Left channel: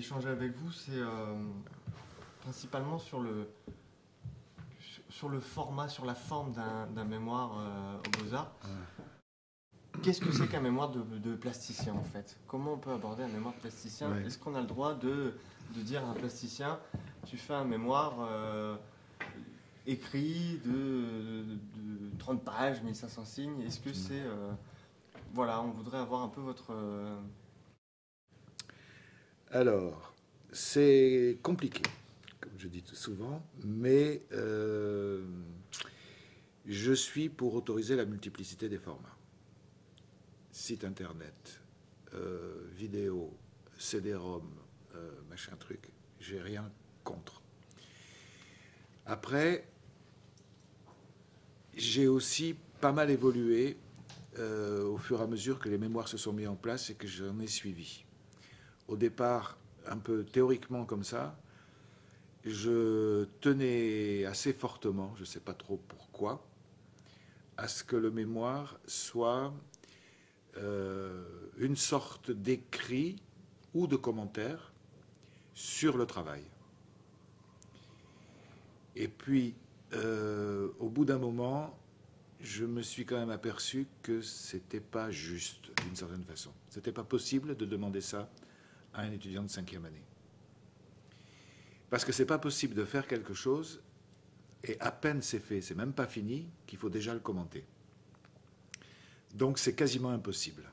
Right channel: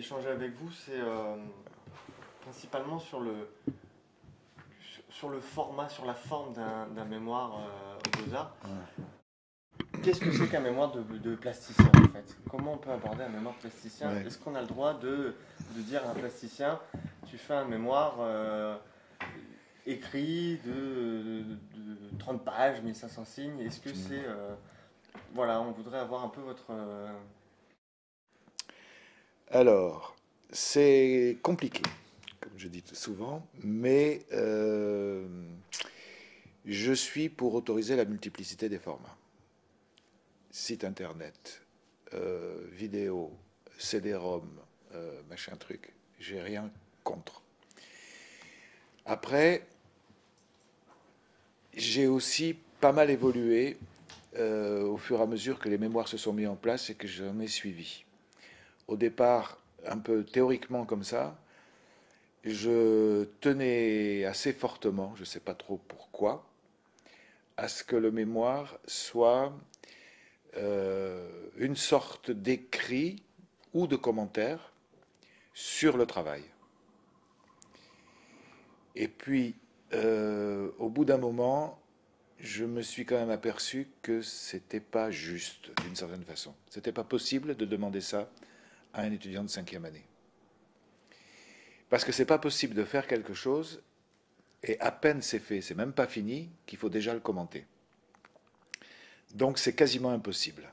échanger avec vous, c'est principalement sur le format, sur la forme d'un mémoire aux Beaux-Arts. Qu'est-ce que c'est qu'un mémoire de plasticien en fait? Comment on peut aborder un mémoire de plasticien? Ouais. Est-ce qu'on a le droit de dire à un plasticien, tu fais un mémoire écrit de 30 pages, 1500 signes? Est-ce que c'est... voilà, on voudrait avoir un peu votre... Alors, c'est compliqué, comme je dis souvent, mais je suis pour autoriser la multiplicité des formats. Site internet, vidéo, CD-ROM, machin truc, j'ai rien contre. Après, j'ai aussi pas mal évolué au fur et à mesure que les mémoires se sont mis en place et que j'en ai suivi. Au départ, un peu théoriquement comme ça, je tenais assez fortement, je ne sais pas trop pourquoi, à ce que le mémoire soit une sorte d'écrit ou de commentaire sur le travail. Et puis, au bout d'un moment, je me suis quand même aperçu que c'était pas juste, d'une certaine façon. C'était pas possible de demander ça à un étudiant de 5e année. Parce que c'est pas possible de faire quelque chose et à peine c'est fait, c'est même pas fini, qu'il faut déjà le commenter. Donc c'est quasiment impossible.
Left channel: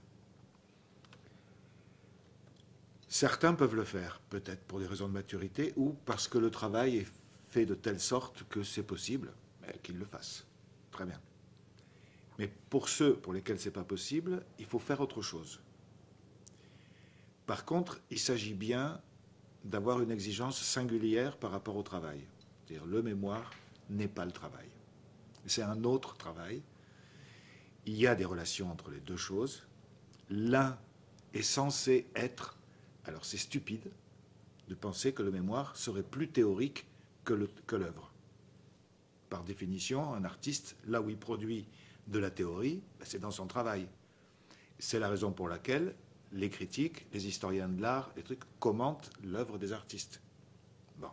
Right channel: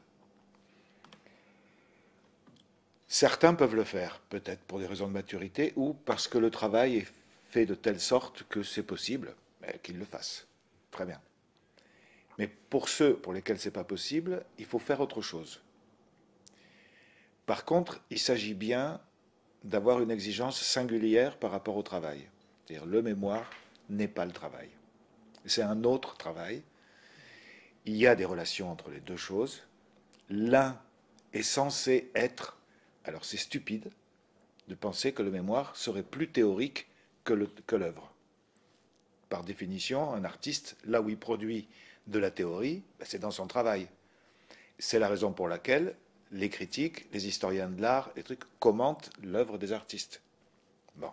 Certains peuvent le faire, peut-être pour des raisons de maturité ou parce que le travail est fait de telle sorte que c'est possible, qu'ils le fassent. Très bien. Mais pour ceux pour lesquels c'est pas possible, il faut faire autre chose. Par contre, il s'agit bien d'avoir une exigence singulière par rapport au travail. C'est-à-dire le mémoire n'est pas le travail. C'est un autre travail. Il y a des relations entre les deux choses. L'un est censé être... Alors c'est stupide de penser que le mémoire serait plus théorique que l'œuvre. Par définition, un artiste, là où il produit de la théorie, c'est dans son travail. C'est la raison pour laquelle les critiques, les historiens de l'art, les trucs commentent l'œuvre des artistes. Bon.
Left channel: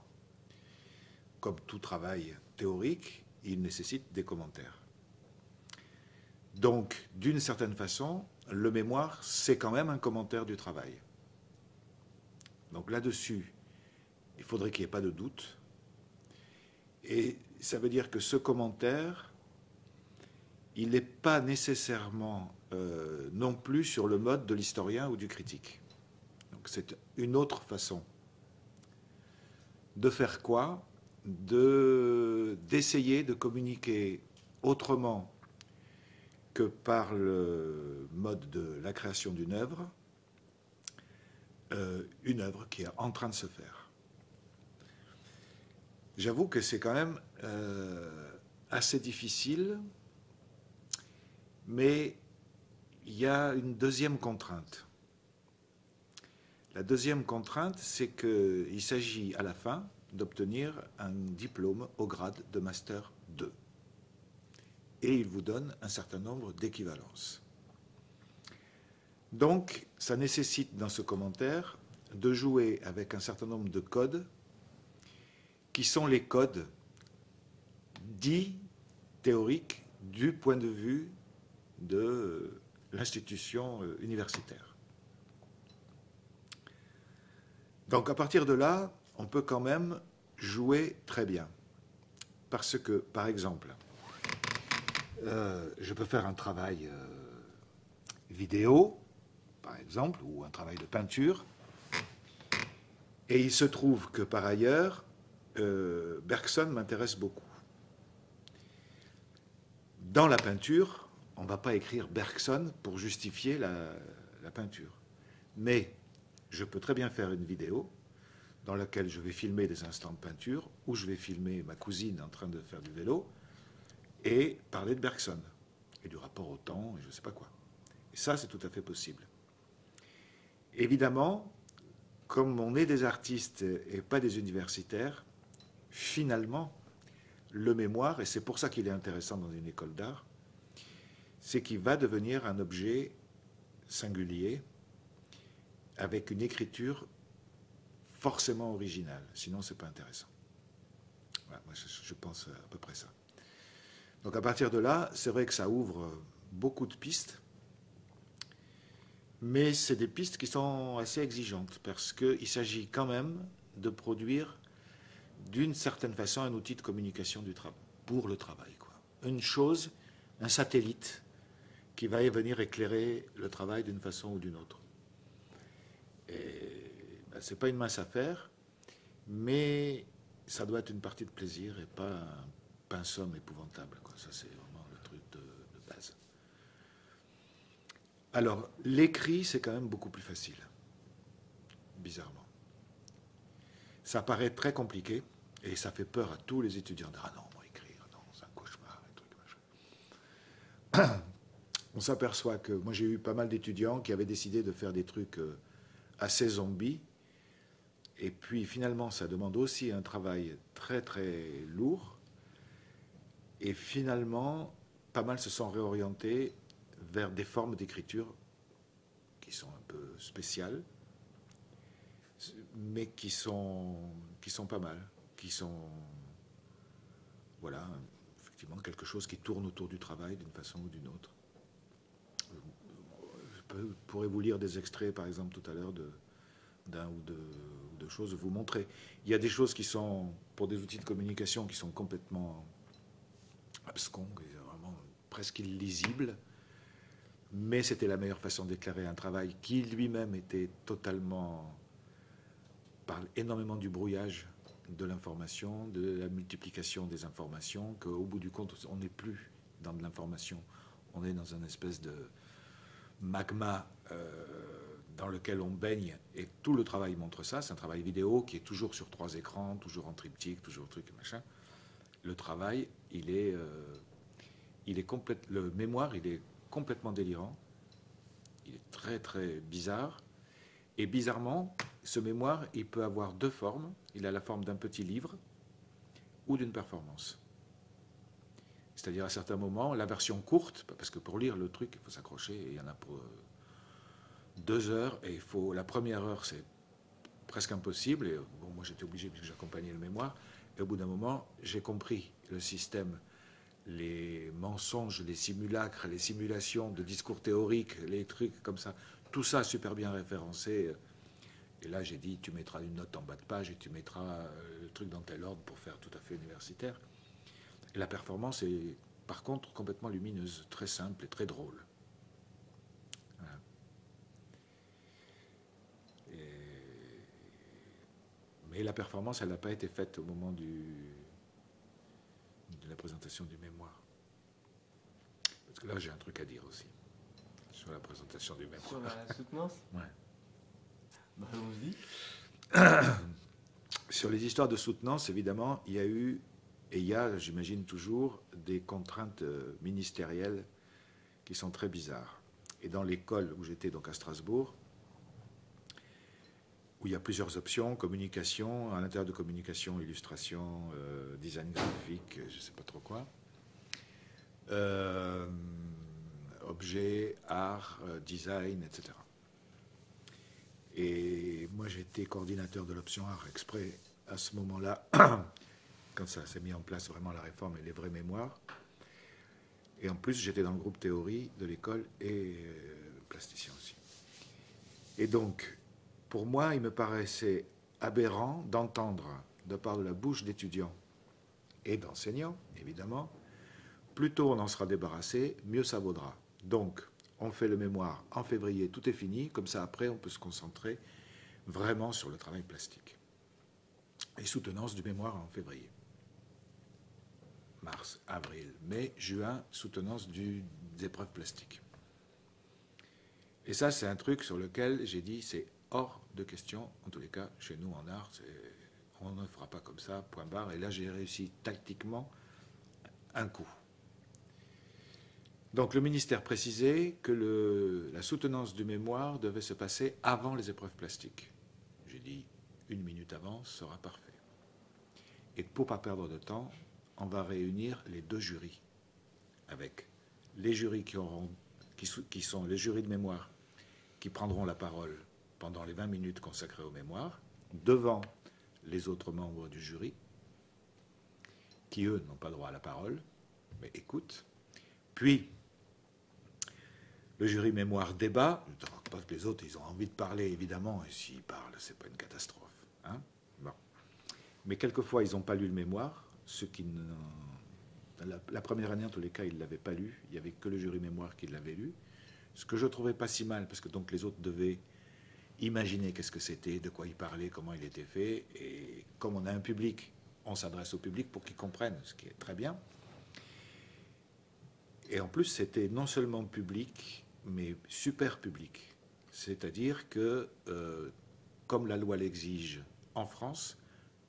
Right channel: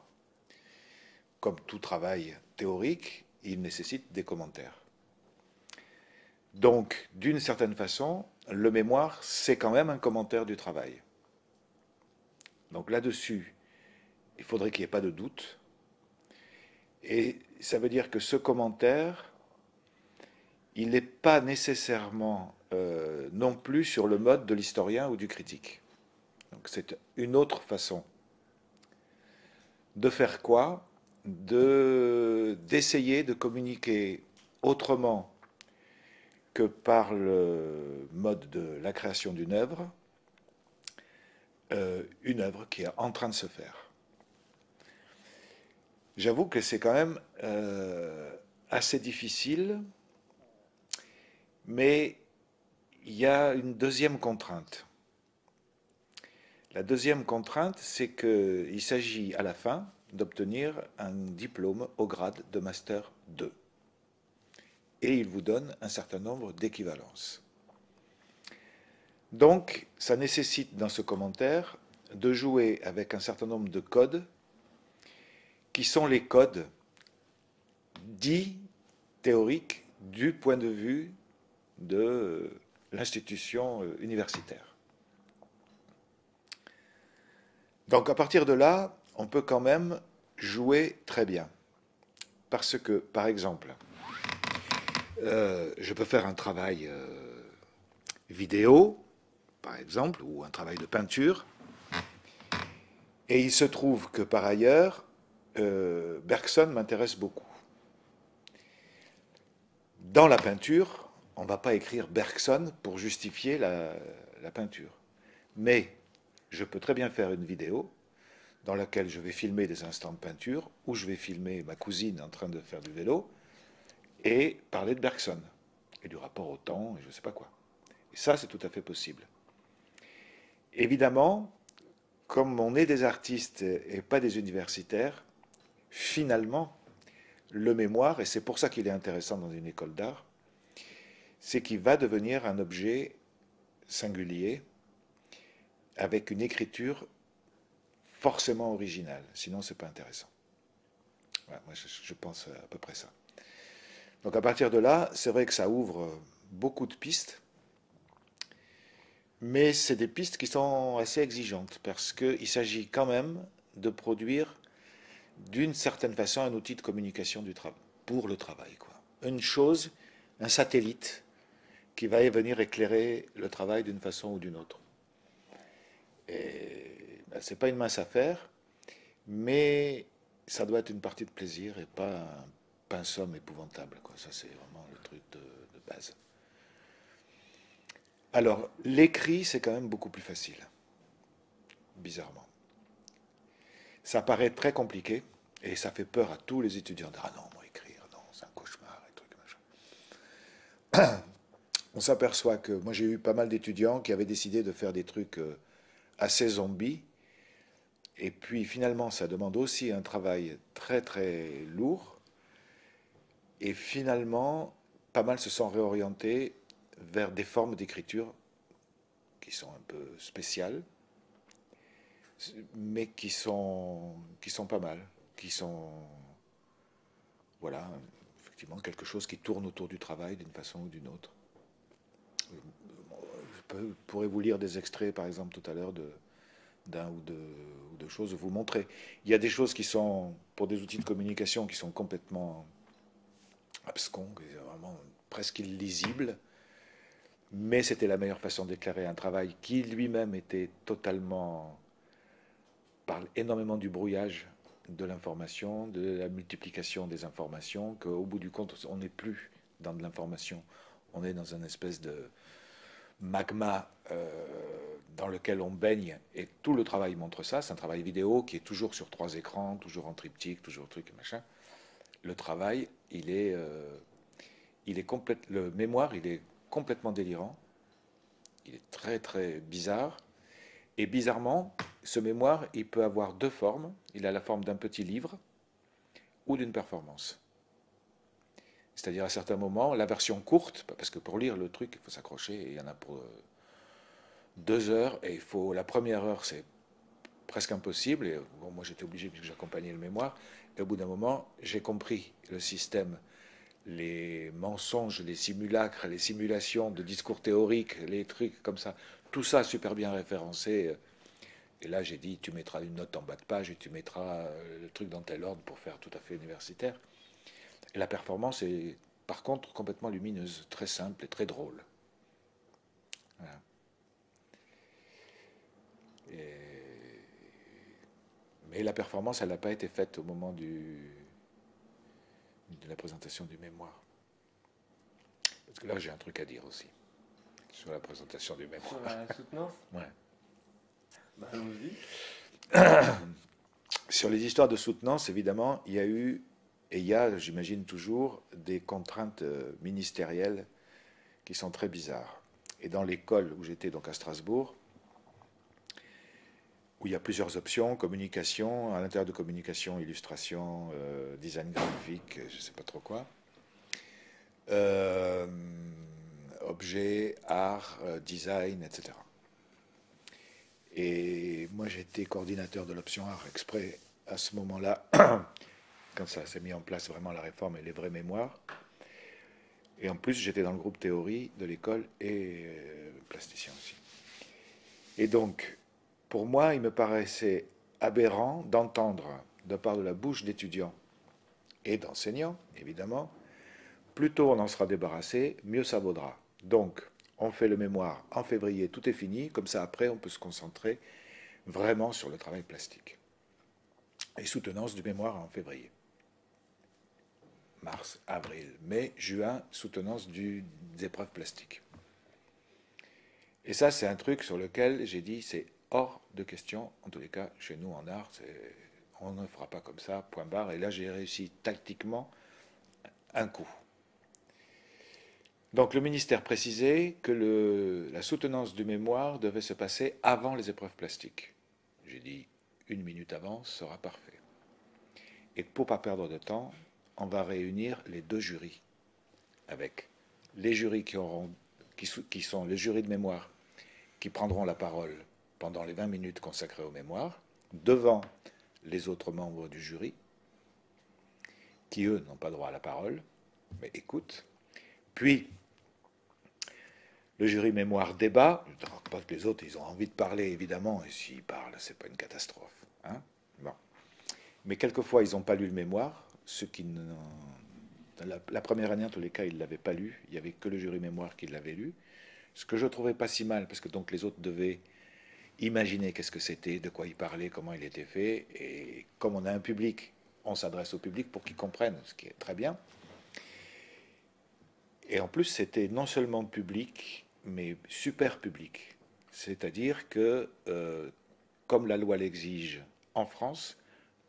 Comme tout travail théorique, il nécessite des commentaires. Donc, d'une certaine façon, le mémoire, c'est quand même un commentaire du travail. Donc là-dessus, il faudrait qu'il n'y ait pas de doute. Et ça veut dire que ce commentaire, il n'est pas nécessairement non plus sur le mode de l'historien ou du critique. Donc c'est une autre façon de faire quoi? D'essayer de communiquer autrement que par le mode de la création d'une œuvre qui est en train de se faire. J'avoue que c'est quand même assez difficile, mais il y a une deuxième contrainte. La deuxième contrainte, c'est qu'il s'agit à la fin d'obtenir un diplôme au grade de Master 2. Et il vous donne un certain nombre d'équivalences. Donc, ça nécessite dans ce commentaire de jouer avec un certain nombre de codes qui sont les codes dits théoriques du point de vue de l'institution universitaire. Donc à partir de là, on peut quand même jouer très bien. Parce que, par exemple, je peux faire un travail vidéo, par exemple, ou un travail de peinture, et il se trouve que par ailleurs, Bergson m'intéresse beaucoup. Dans la peinture, on ne va pas écrire Bergson pour justifier la peinture. Mais je peux très bien faire une vidéo dans laquelle je vais filmer des instants de peinture, ou je vais filmer ma cousine en train de faire du vélo, et parler de Bergson, et du rapport au temps, et je ne sais pas quoi. Et ça, c'est tout à fait possible. Évidemment, comme on est des artistes et pas des universitaires, finalement, le mémoire, et c'est pour ça qu'il est intéressant dans une école d'art, c'est qu'il va devenir un objet singulier avec une écriture forcément original, sinon c'est pas intéressant. Voilà, moi je pense à peu près ça. Donc à partir de là, c'est vrai que ça ouvre beaucoup de pistes, mais c'est des pistes qui sont assez exigeantes, parce qu'il s'agit quand même de produire d'une certaine façon un outil de communication du travail, pour le travail, quoi. Une chose, un satellite qui va venir éclairer le travail d'une façon ou d'une autre. Et ben, c'est pas une mince affaire, mais ça doit être une partie de plaisir et pas un pinsomme épouvantable, quoi. Ça, c'est vraiment le truc de base. Alors, l'écrit, c'est quand même beaucoup plus facile, bizarrement. Ça paraît très compliqué et ça fait peur à tous les étudiants. Ah non, moi, écrire, non, c'est un cauchemar, un truc machin. On s'aperçoit que moi, j'ai eu pas mal d'étudiants qui avaient décidé de faire des trucs assez zombies. Et puis finalement, ça demande aussi un travail très très lourd. Et finalement, pas mal se sont réorientés vers des formes d'écriture qui sont un peu spéciales, mais qui sont pas mal, qui sont, voilà, effectivement quelque chose qui tourne autour du travail d'une façon ou d'une autre. Je pourrais vous lire des extraits, par exemple, tout à l'heure, d'un ou de choses, vous montrer. Il y a des choses qui sont, pour des outils de communication, qui sont complètement abscons, vraiment presque illisibles, mais c'était la meilleure façon d'éclairer un travail qui lui-même était totalement, parle énormément du brouillage de l'information, de la multiplication des informations, qu'au bout du compte, on n'est plus dans de l'information, on est dans une espèce de magma dans lequel on baigne, et tout le travail montre ça. C'est un travail vidéo qui est toujours sur 3 écrans, toujours en triptyque, toujours truc et machin. Le travail, il est le mémoire, il est complètement délirant, il est très très bizarre, et bizarrement, ce mémoire, il peut avoir 2 formes. Il a la forme d'un petit livre ou d'une performance. C'est-à-dire à certains moments, la version courte, parce que pour lire le truc, il faut s'accrocher, et il y en a pour 2 heures, et la première heure, c'est presque impossible, et bon, moi j'étais obligé puisque j'accompagnais le mémoire, et au bout d'un moment, j'ai compris le système, les mensonges, les simulacres, les simulations de discours théoriques, les trucs comme ça, tout ça super bien référencé. Et là, j'ai dit, tu mettras une note en bas de page et tu mettras le truc dans tel ordre pour faire tout à fait universitaire. Et la performance est, par contre, complètement lumineuse, très simple et très drôle. Voilà. Mais la performance, elle n'a pas été faite au moment de la présentation du mémoire. Parce que là, j'ai un truc à dire aussi sur la présentation du mémoire. Sur la soutenance. Ouais. Bah, allons-y. Sur les histoires de soutenance, évidemment, il y a eu, et il y a, j'imagine toujours, des contraintes ministérielles qui sont très bizarres. Et dans l'école où j'étais, donc à Strasbourg, où il y a plusieurs options, communication, à l'intérieur de communication, illustration, design graphique, je ne sais pas trop quoi, objet, art, design, etc. Et moi, j'étais coordinateur de l'option art exprès à ce moment-là, quand ça s'est mis en place vraiment la réforme et les vraies mémoires. Et en plus, j'étais dans le groupe théorie de l'école et plasticien aussi. Et donc, pour moi, il me paraissait aberrant d'entendre, de part de la bouche d'étudiants et d'enseignants, évidemment, plus tôt on en sera débarrassé, mieux ça vaudra. Donc, on fait le mémoire en février, tout est fini, comme ça après on peut se concentrer vraiment sur le travail plastique. Et soutenance du mémoire en février. Mars, avril, mai, juin, soutenance des épreuves plastiques. Et ça, c'est un truc sur lequel j'ai dit, c'est hors de question, en tous les cas, chez nous en art, on ne fera pas comme ça, point barre. Et là, j'ai réussi tactiquement un coup. Donc le ministère précisait que la soutenance du mémoire devait se passer avant les épreuves plastiques. J'ai dit, 1 minute avant sera parfait. Et pour ne pas perdre de temps, on va réunir les 2 jurys, avec les jurys qui sont les jurys de mémoire, qui prendront la parole pendant les 20 minutes consacrées aux mémoires, devant les autres membres du jury, qui eux n'ont pas droit à la parole, mais écoutent. Puis, le jury mémoire débat. Parce que les autres, ils ont envie de parler, évidemment, et s'ils parlent, c'est pas une catastrophe. Hein, bon. Mais quelquefois, ils n'ont pas lu le mémoire, ceux qui ne... La première année, en tous les cas, ils ne l'avaient pas lu. Il n'y avait que le jury mémoire qui l'avait lu. Ce que je ne trouvais pas si mal, parce que donc les autres devaient imaginer qu'est-ce que c'était, de quoi il parlait, comment il était fait. Et comme on a un public, on s'adresse au public pour qu'ils comprennent, ce qui est très bien. Et en plus, c'était non seulement public, mais super public. C'est-à-dire que, comme la loi l'exige en France,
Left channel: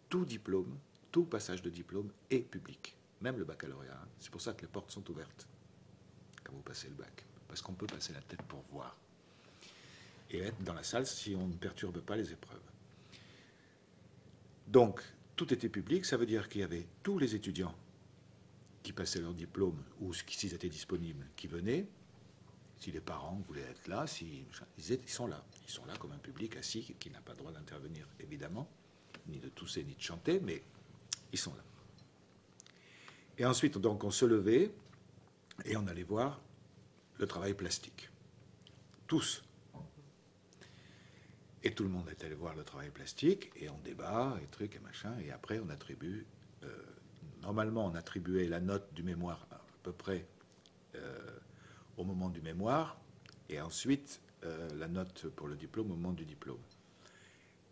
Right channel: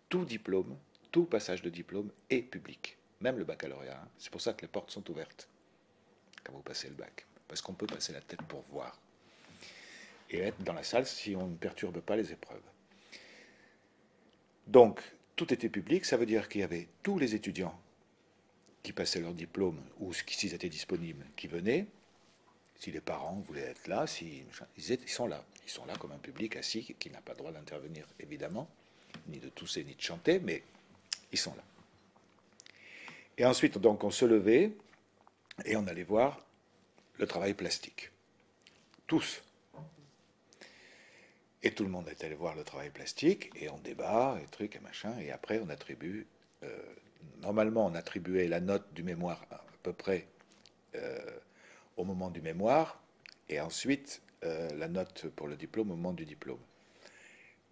tout diplôme, tout passage de diplôme est public. Même le baccalauréat. Hein. C'est pour ça que les portes sont ouvertes quand vous passez le bac. Parce qu'on peut passer la tête pour voir. Et être dans la salle si on ne perturbe pas les épreuves. Donc, tout était public. Ça veut dire qu'il y avait tous les étudiants qui passaient leur diplôme, ou s'ils étaient disponibles, qui venaient. Si les parents voulaient être là, ils sont là. Ils sont là comme un public assis qui n'a pas le droit d'intervenir, évidemment, ni de tousser, ni de chanter, mais ils sont là. Et ensuite, donc, on se levait et on allait voir le travail plastique. Tous. Et tout le monde est allé voir le travail plastique, et on débat, et trucs, et machin, et après, on attribue... normalement, on attribuait la note du mémoire à peu près au moment du mémoire, et ensuite, la note pour le diplôme au moment du diplôme.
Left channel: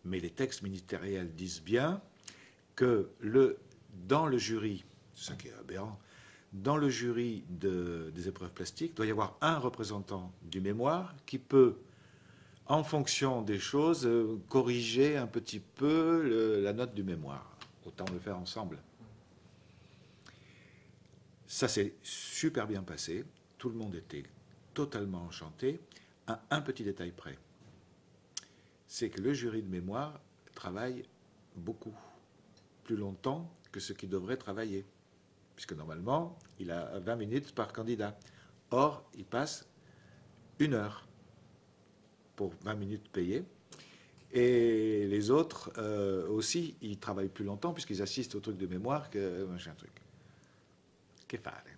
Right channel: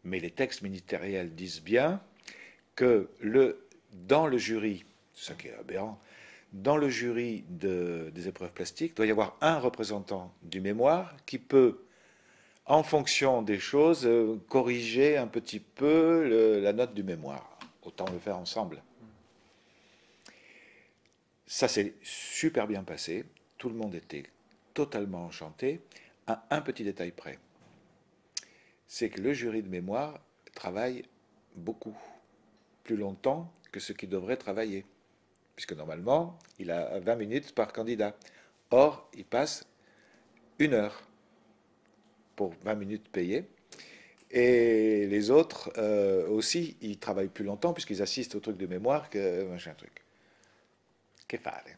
Mais les textes ministériels disent bien que dans le jury, c'est ça qui est aberrant, dans le jury des épreuves plastiques, il doit y avoir un représentant du mémoire qui peut, en fonction des choses, corriger un petit peu la note du mémoire. Autant le faire ensemble. Ça s'est super bien passé. Tout le monde était totalement enchanté. À un petit détail près, c'est que le jury de mémoire travaille beaucoup plus longtemps que ce qu'il devrait travailler. Puisque normalement, il a 20 minutes par candidat. Or, il passe 1 heure pour 20 minutes payées. Et les autres aussi, ils travaillent plus longtemps puisqu'ils assistent au truc de mémoire que machin truc. Qu'est-ce qu'il fallait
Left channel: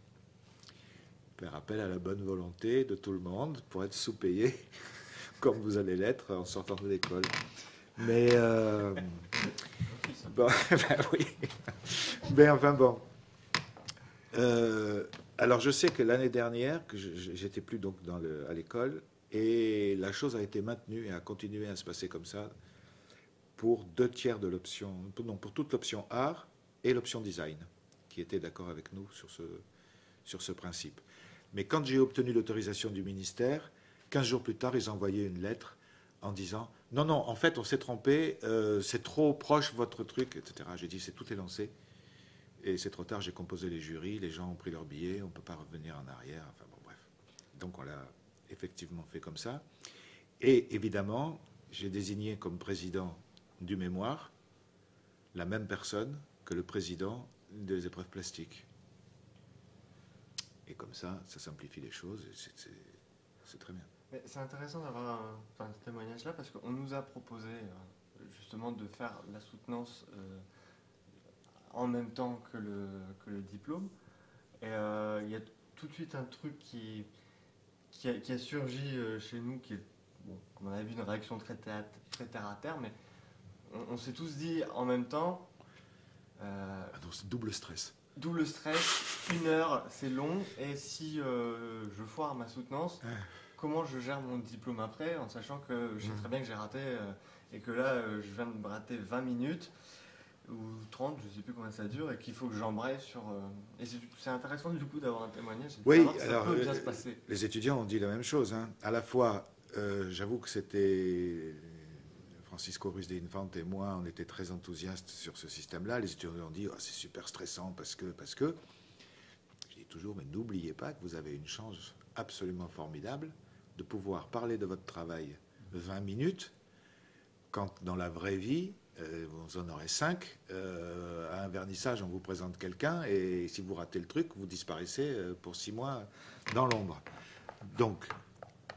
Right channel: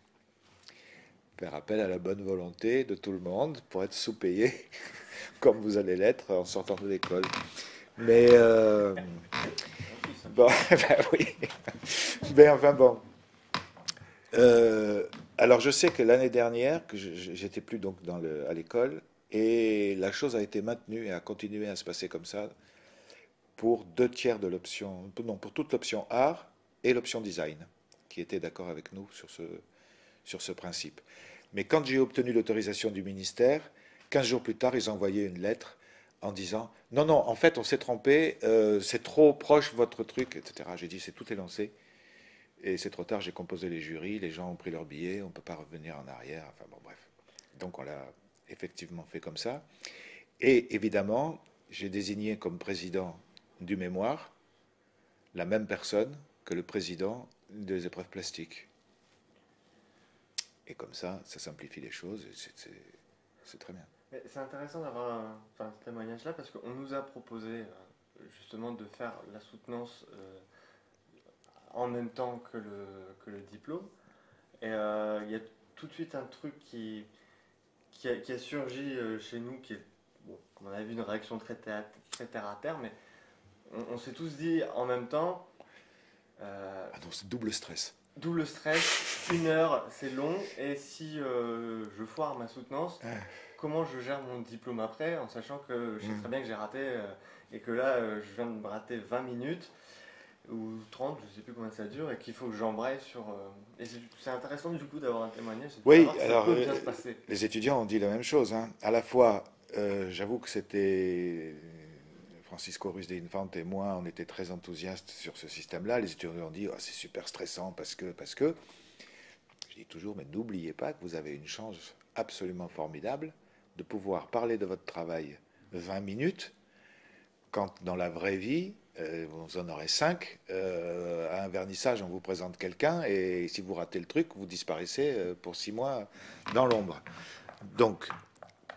faire appel à la bonne volonté de tout le monde pour être sous-payé, comme vous allez l'être en sortant de l'école. Mais bon, ben oui. Mais enfin bon. Alors je sais que l'année dernière, que j'étais plus donc à l'école, et la chose a été maintenue et a continué à se passer comme ça pour 2/3 de l'option, non, pour toute l'option art et l'option design, qui étaient d'accord avec nous sur ce principe. Mais quand j'ai obtenu l'autorisation du ministère, 15 jours plus tard, ils ont envoyé une lettre en disant « Non, non, en fait, on s'est trompé, c'est trop proche votre truc, etc. » J'ai dit « Tout est lancé. » Et c'est trop tard, j'ai composé les jurys, les gens ont pris leur billet, on ne peut pas revenir en arrière, enfin bon, bref. Donc on l'a effectivement fait comme ça. Et évidemment, j'ai désigné comme président du mémoire la même personne que le président des épreuves plastiques. Et comme ça simplifie les choses, et c'est très bien. C'est intéressant d'avoir ce témoignage-là, parce qu'on nous a proposé justement de faire la soutenance en même temps que le diplôme. Et il y a tout de suite un truc qui a surgi chez nous, qui est, bon, on avait vu une réaction très terre à terre, mais on s'est tous dit en même temps... donc c'est double stress. Double stress, 1 heure, c'est long, et si je foire ma soutenance, comment je gère mon diplôme après, en sachant que je sais très bien que j'ai raté, et que là, je viens de me rater 20 minutes, ou 30, je ne sais plus combien ça dure, et qu'il faut que j'embraye sur... Et c'est intéressant du coup d'avoir un témoignage, et de oui, savoir que ça peut bien se passer. Les étudiants ont dit la même chose. Hein. À la fois, j'avoue que c'était... Francisco Ruiz de Infante et moi, on était très enthousiastes sur ce système-là. Les étudiants ont dit c'est super stressant parce que. Je dis toujours, mais n'oubliez pas que vous avez une chance absolument formidable de pouvoir parler de votre travail 20 minutes, quand dans la vraie vie, vous en aurez 5. À un vernissage, on vous présente quelqu'un, et si vous ratez le truc, vous disparaissez pour 6 mois dans l'ombre. Donc,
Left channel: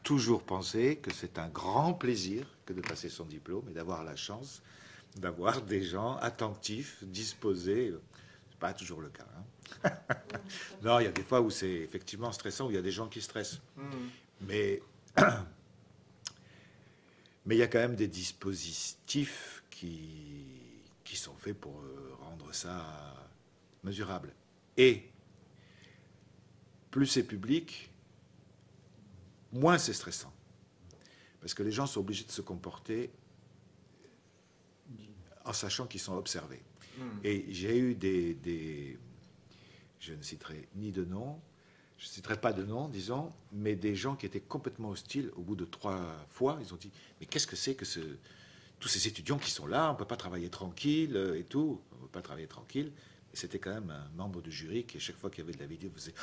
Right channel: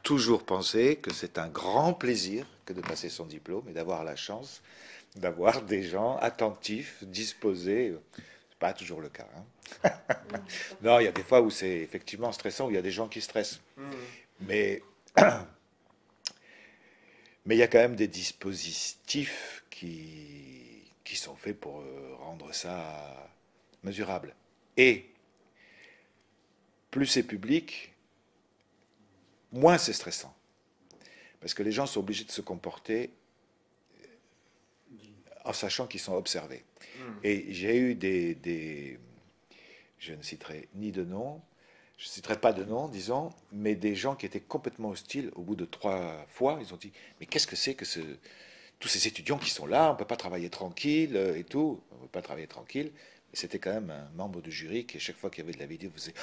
toujours penser que c'est un grand plaisir que de passer son diplôme et d'avoir la chance d'avoir des gens attentifs, disposés. C'est pas toujours le cas. Hein. Non, il y a des fois où c'est effectivement stressant, où il y a des gens qui stressent. Mhm. Mais mais il y a quand même des dispositifs qui sont faits pour rendre ça mesurable. Et plus c'est public, moins c'est stressant. Parce que les gens sont obligés de se comporter en sachant qu'ils sont observés. Mhm. Et j'ai eu je ne citerai ni de nom, je ne citerai pas de nom, disons, mais des gens qui étaient complètement hostiles au bout de 3 fois. Ils ont dit, mais qu'est-ce que c'est que tous ces étudiants qui sont là, on ne peut pas travailler tranquille et tout. On ne peut pas travailler tranquille. Et c'était quand même un membre du jury qui, à chaque fois qu'il y avait de la vidéo, faisait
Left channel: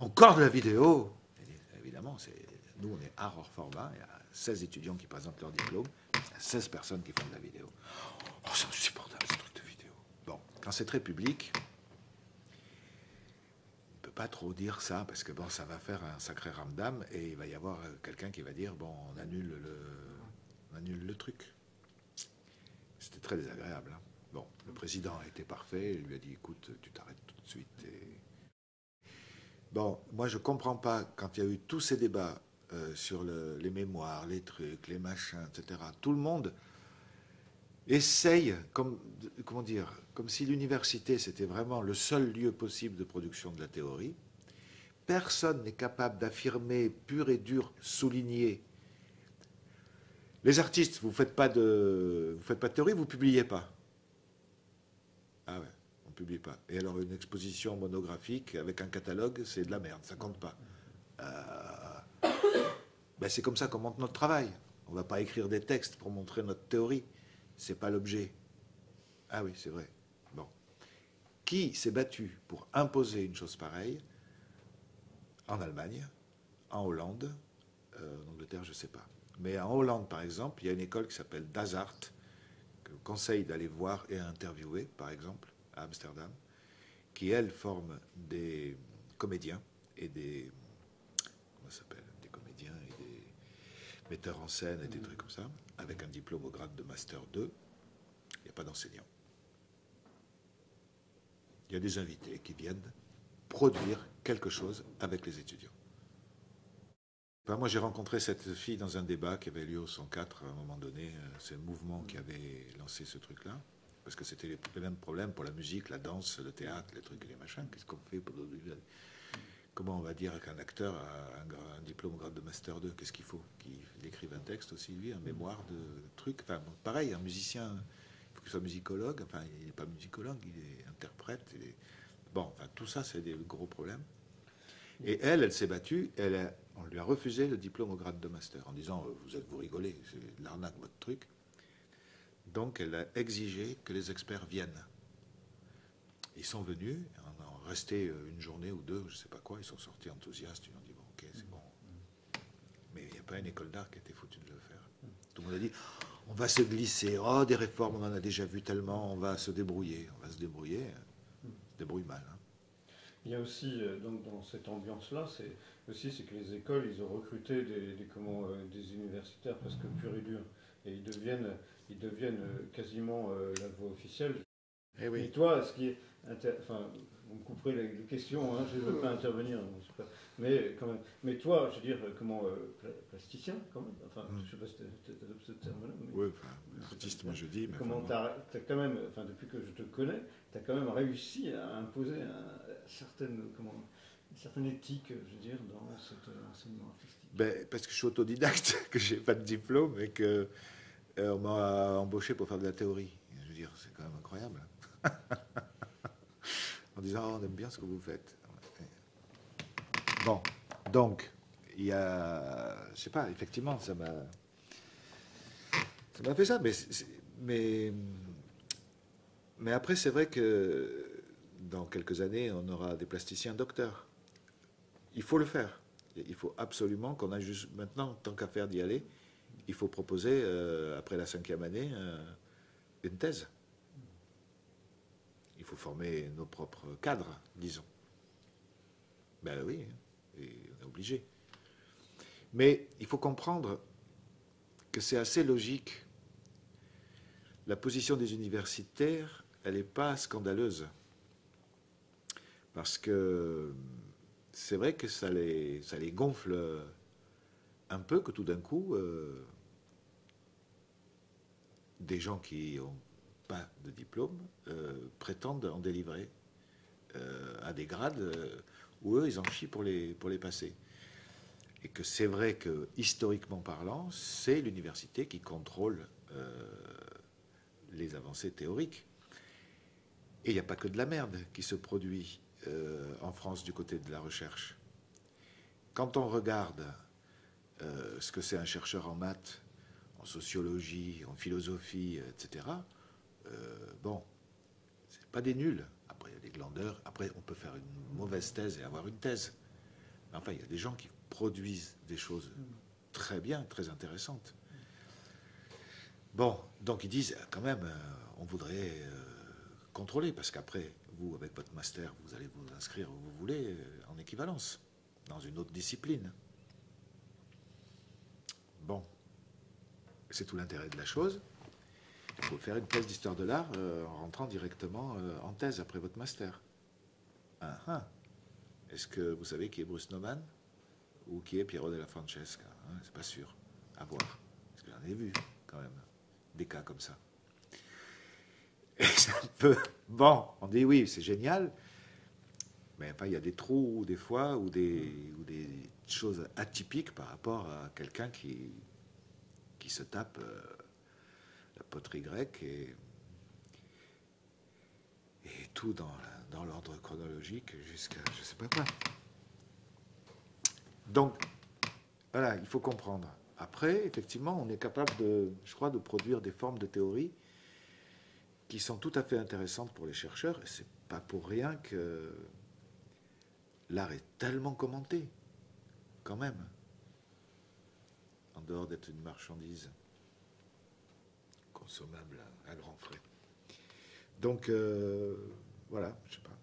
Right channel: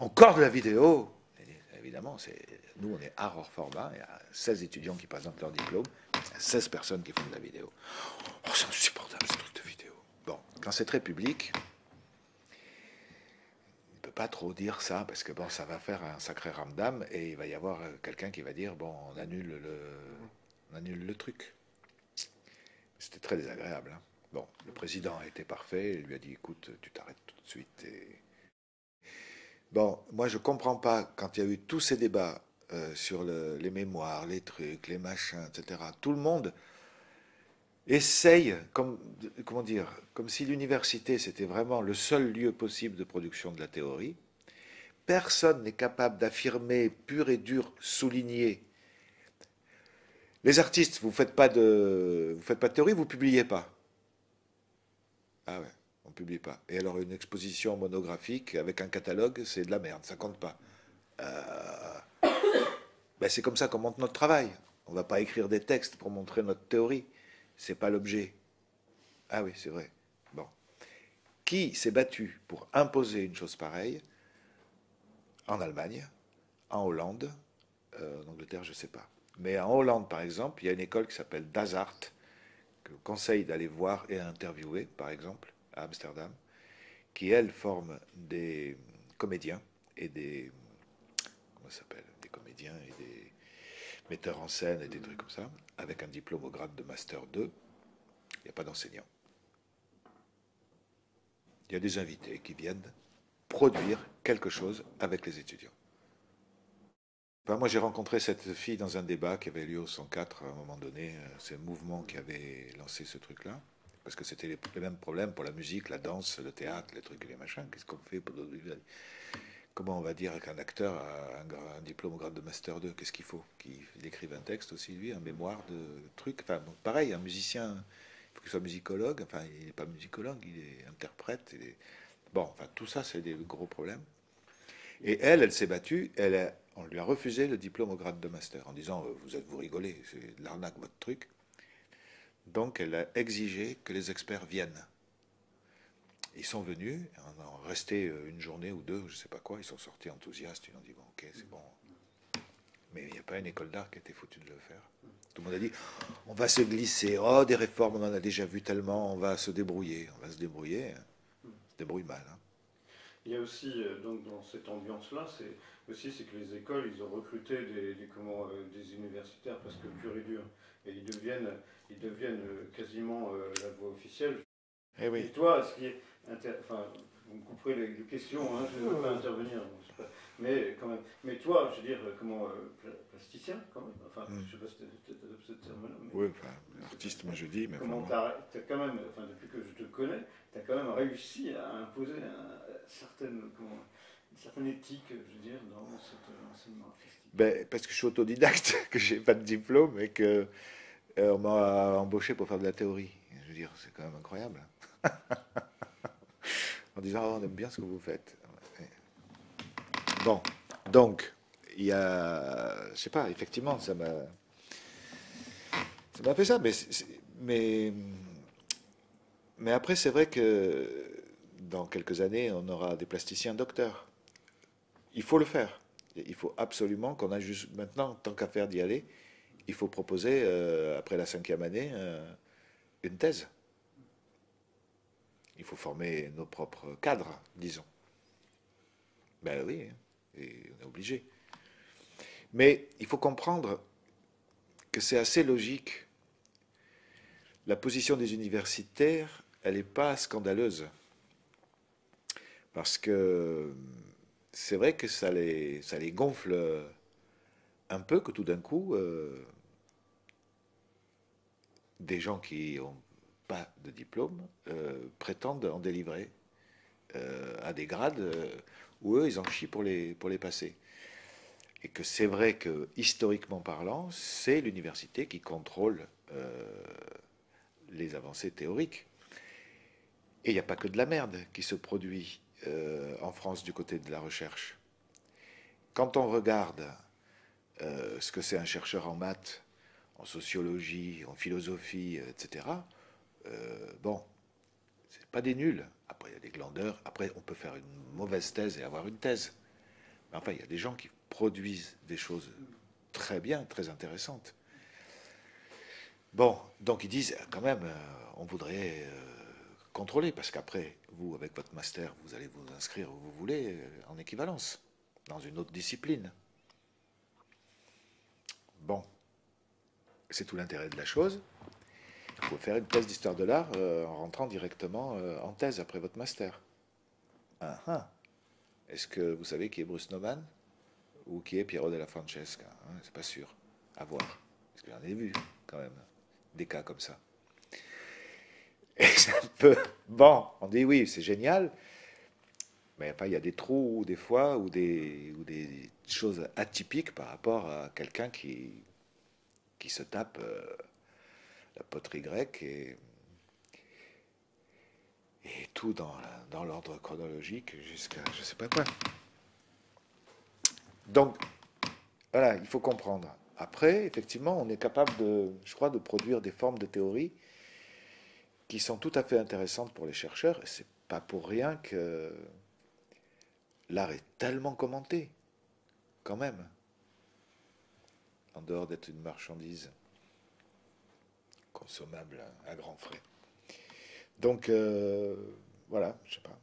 encore de la vidéo. Et évidemment, nous, on est art hors format. Il y a 16 étudiants qui présentent leur diplôme. Il y a 16 personnes qui font de la vidéo. Oh, c'est insupportable, ce truc de vidéo. Bon, quand c'est très public, pas trop dire ça parce que bon, ça va faire un sacré ramdam et il va y avoir quelqu'un qui va dire bon, on annule le truc. C'était très désagréable. Hein. Bon, le président a été parfait, il lui a dit écoute, tu t'arrêtes tout de suite. Bon, moi je comprends pas quand il y a eu tous ces débats sur les mémoires, les trucs, les machins, etc. Tout le monde essaye, comment dire, comme si l'université c'était vraiment le seul lieu possible de production de la théorie. Personne n'est capable d'affirmer pur et dur, souligner. Les artistes, vous faites pas de théorie, vous publiez pas. Ah ouais, on publie pas. Et alors une exposition monographique avec un catalogue, c'est de la merde, ça compte pas. Ben c'est comme ça qu'on monte notre travail. On va pas écrire des textes pour montrer notre théorie. C'est pas l'objet. Ah oui, c'est vrai. Bon. Qui s'est battu pour imposer une chose pareille en Allemagne, en Hollande, en Angleterre, je ne sais pas. Mais en Hollande, par exemple, il y a une école qui s'appelle Das Art, que je vous conseille d'aller voir et interviewer, par exemple, à Amsterdam, qui, elle, forme des comédiens et des... Comment ça s'appelle? Des comédiens et des metteurs en scène et des trucs comme ça, avec un diplôme au grade de Master 2. Il n'y a pas d'enseignants. Il y a des invités qui viennent produire quelque chose avec les étudiants. Ben, moi, j'ai rencontré cette fille dans un débat qui avait lieu au 104 à un moment donné. C'est le mouvement qui avait lancé ce truc-là. Parce que c'était les mêmes problèmes pour la musique, la danse, le théâtre, les trucs et les machins. Qu'est-ce qu'on fait pour... Comment on va dire qu'un acteur a un diplôme au grade de Master 2? Qu'est-ce qu'il faut? Qu'il écrive un texte aussi, lui, un mémoire de trucs. Enfin, bon, pareil, un musicien, il faut qu'il soit musicologue. Enfin, il n'est pas musicologue, il est interprète. Bon, enfin, tout ça, c'est des gros problèmes. Et elle s'est battue, on lui a refusé le diplôme au grade de master en disant vous rigolez, c'est de l'arnaque votre truc. Donc elle a exigé que les experts viennent. Ils sont venus, on a resté une journée ou deux, je ne sais pas quoi, ils sont sortis enthousiastes, ils ont dit bon ok c'est bon. Mais il n'y a pas une école d'art qui a été foutue de le faire. Tout le monde a dit on va se glisser, oh des réformes on en a déjà vu tellement, on va se débrouiller, on se débrouille mal. Hein. Il y a aussi, donc, dans cette ambiance-là, c'est que les écoles, ils ont recruté des universitaires parce que pur et dur. Et ils deviennent quasiment la voix officielle. Eh oui. Et toi, ce qui est... Enfin, vous me couperez les questions, hein, je ne veux pas intervenir. Mais, quand même, mais toi, je veux dire, plasticien, quand même. Enfin, je ne sais pas si tu adoptes ce terme-là. Oui, enfin, artiste, moi je dis. Mais comment t'as quand même, enfin, depuis que je te connais, tu as quand même réussi à imposer une certaine éthique, je veux dire, dans cet enseignement artistique. Ben, parce que je suis autodidacte, que j'ai pas de diplôme et que on m'a embauché pour faire de la théorie. Je veux dire, c'est quand même incroyable. En disant, oh, on aime bien ce que vous faites. Bon, donc, il y a, je sais pas, effectivement, ça m'a fait ça, mais après, c'est vrai que dans quelques années, on aura des plasticiens docteurs. Il faut le faire. Il faut absolument qu'on a juste maintenant, tant qu'à faire d'y aller, il faut proposer, après la 5e année, une thèse. Il faut former nos propres cadres, disons. Ben oui, et on est obligé. Mais il faut comprendre que c'est assez logique la position des universitaires, elle n'est pas scandaleuse. Parce que c'est vrai que ça les gonfle un peu que tout d'un coup, des gens qui n'ont pas de diplôme prétendent en délivrer à des grades où eux, ils en chient pour les passer. Et que c'est vrai que, historiquement parlant, c'est l'université qui contrôle les avancées théoriques. Et il n'y a pas que de la merde qui se produit en France du côté de la recherche. Quand on regarde ce que c'est un chercheur en maths, en sociologie, en philosophie, etc., bon, c'est pas des nuls. Après, il y a des glandeurs. Après, on peut faire une mauvaise thèse et avoir une thèse. Mais enfin, il y a des gens qui produisent des choses très bien, très intéressantes. Bon, donc ils disent, quand même, on voudrait contrôler, parce qu'après, vous, avec votre master, vous allez vous inscrire où vous voulez, en équivalence, dans une autre discipline. Bon, c'est tout l'intérêt de la chose. Il faut faire une thèse d'histoire de l'art en rentrant directement en thèse après votre master. Ah, ah. Est-ce que vous savez qui est Bruce Nauman ou qui est Piero della Francesca? C'est pas sûr. À voir. Parce que j'en ai vu, quand même, des cas comme ça. Et c'est un peu... Bon, on dit oui, c'est génial, mais enfin, il y a des trous, des fois, ou des choses atypiques par rapport à quelqu'un qui se tape la poterie grecque et tout dans l'ordre chronologique jusqu'à je sais pas quoi. Donc, voilà, il faut comprendre. Après, effectivement, on est capable je crois, de produire des formes de théorie qui sont tout à fait intéressantes pour les chercheurs. Et c'est pas pour rien que l'art est tellement commenté, quand même, en dehors d'être une marchandise consommable à grands frais. Donc, voilà, je sais pas.